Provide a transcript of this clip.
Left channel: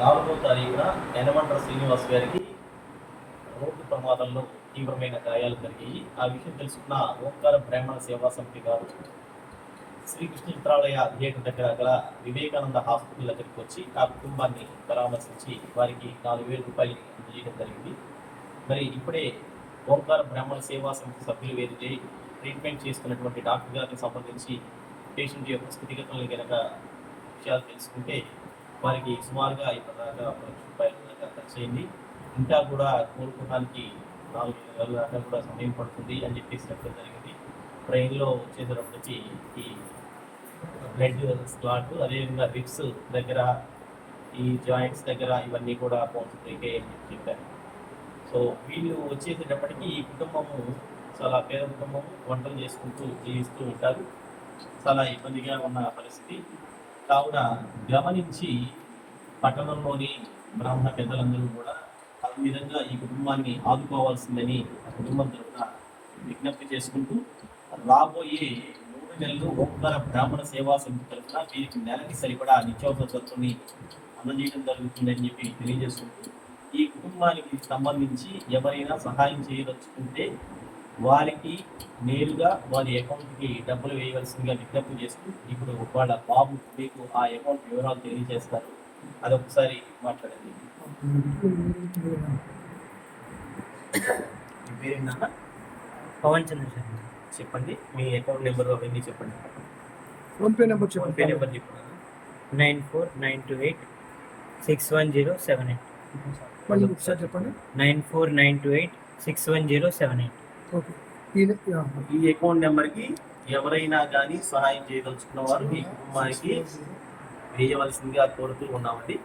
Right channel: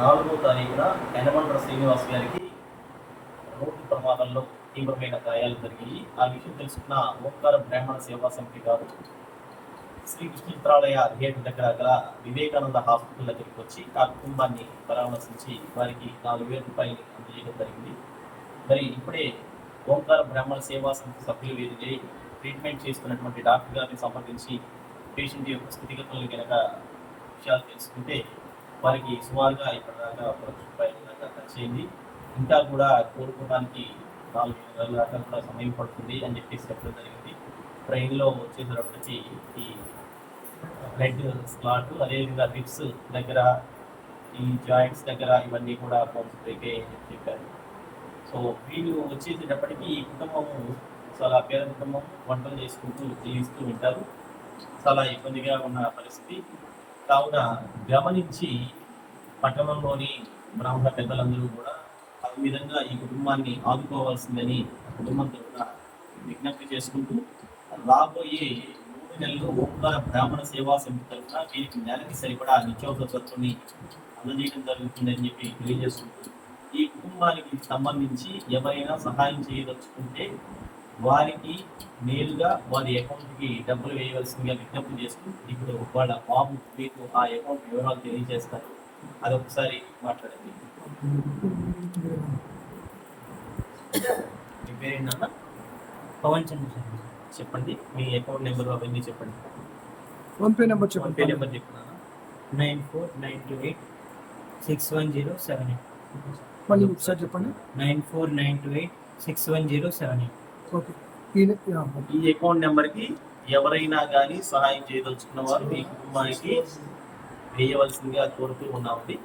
నాలుగో తారీఖున యనమండ్ర శ్రీనివాస్ గారికి రోడ్డు ప్రమాదంలో తీవ్రమైన గాయాలు జరిగాయి. ఆ విషయం తెలుసుకున్న ఓంకార బ్రాహ్మణ సేవా సమితి గారు శ్రీకృష్ణ చిత్రాలయ థియేటర్ దగ్గర గల వివేకానంద హాస్పిటల్ దగ్గరికి వచ్చి ఆ కుటుంబాన్ని పరామర్శించి వారికి నాలుగు వేల రూపాయలు అందజేయడం జరిగింది. మరి ఇప్పుడే ఓంకార బ్రాహ్మణ సేవా సమితి సభ్యులు వేదితే ట్రీట్మెంట్ చేస్తున్నటువంటి డాక్టర్ గారిని సంప్రదించి పేషెంట్ యొక్క స్థితిగతులను కనుక విషయాలు తెలుసుకుంటే వారికి సుమారుగా ఇప్పటిదాకా ఒక లక్ష రూపాయల దాకా ఖర్చు అయింది ఇంకా కూడా కోలుకోవడానికి నాలుగు నెలల దాకా కూడా సమయం పడుతుంది అని చెప్పేసి చెప్పడం జరిగింది. ట్రైన్లో వచ్చేటప్పటికి ఈ బ్లడ్ స్లాట్ అదేవిధంగా రిప్స్ దగ్గర ఈ జాయింట్స్ దగ్గర ఇవన్నీ కూడా బౌన్స్ బ్రేక్ అని చెప్పారు. సో వీళ్ళు వచ్చేసేటప్పటికి ఈ కుటుంబము చాలా పేద కుటుంబం వంటలు చేసుకుంటూ జీవిస్తూ ఉంటారు. చాలా ఇబ్బందిగా ఉన్న పరిస్థితి. కావున గమనించి పట్టణంలోని బ్రాహ్మణ పెద్దలందరూ కూడా ఆ విధంగా ఈ కుటుంబాన్ని ఆదుకోవాల్సిందని ఆ కుటుంబం తరఫున విజ్ఞప్తి చేసుకుంటూ రాబోయే మూడు నెలలు ఓంకార బ్రాహ్మణ సేవా సమితి తరఫున వీరికి నెలకి సరిపడా నిత్యావసర సరుకుని అందజేయడం జరుగుతుందని చెప్పి తెలియజేసుకుంటూ ఈ కుటుంబానికి సంబంధించి ఎవరైనా సహాయం చేయదలుచుకుంటే వారికి నేరుగా వారి అకౌంట్కి డబ్బులు వేయవలసిందిగా విజ్ఞప్తి చేస్తూ ఇప్పుడు వాళ్ళ బాబు మీకు ఆ అకౌంట్ వివరాలు తెలియజేస్తారు. అదొకసారి మాట్లాడండి. మీ పేరేంటన్నా పవన్ చంద్రశేఖర్ చెప్పండి. మీ అకౌంట్ నెంబర్ అవన్నీ చెప్పండి. PhonePe number PhonePe చెప్పండి నెంబర్ చెప్పండి nine four nine two eight six one zero seven eight. మళ్ళీ ఒకసారి చెప్పండి. Nine four nine two eight six one zero seven eight. Okay ఈ అకౌంట్ నెంబర్కి ఎవరైనా కానీ సహాయం చేయదలుచుకున్న వారు ఈ కుటుంబానికి వేయవలసిందిగా కోరుతూ ఉన్నామండి.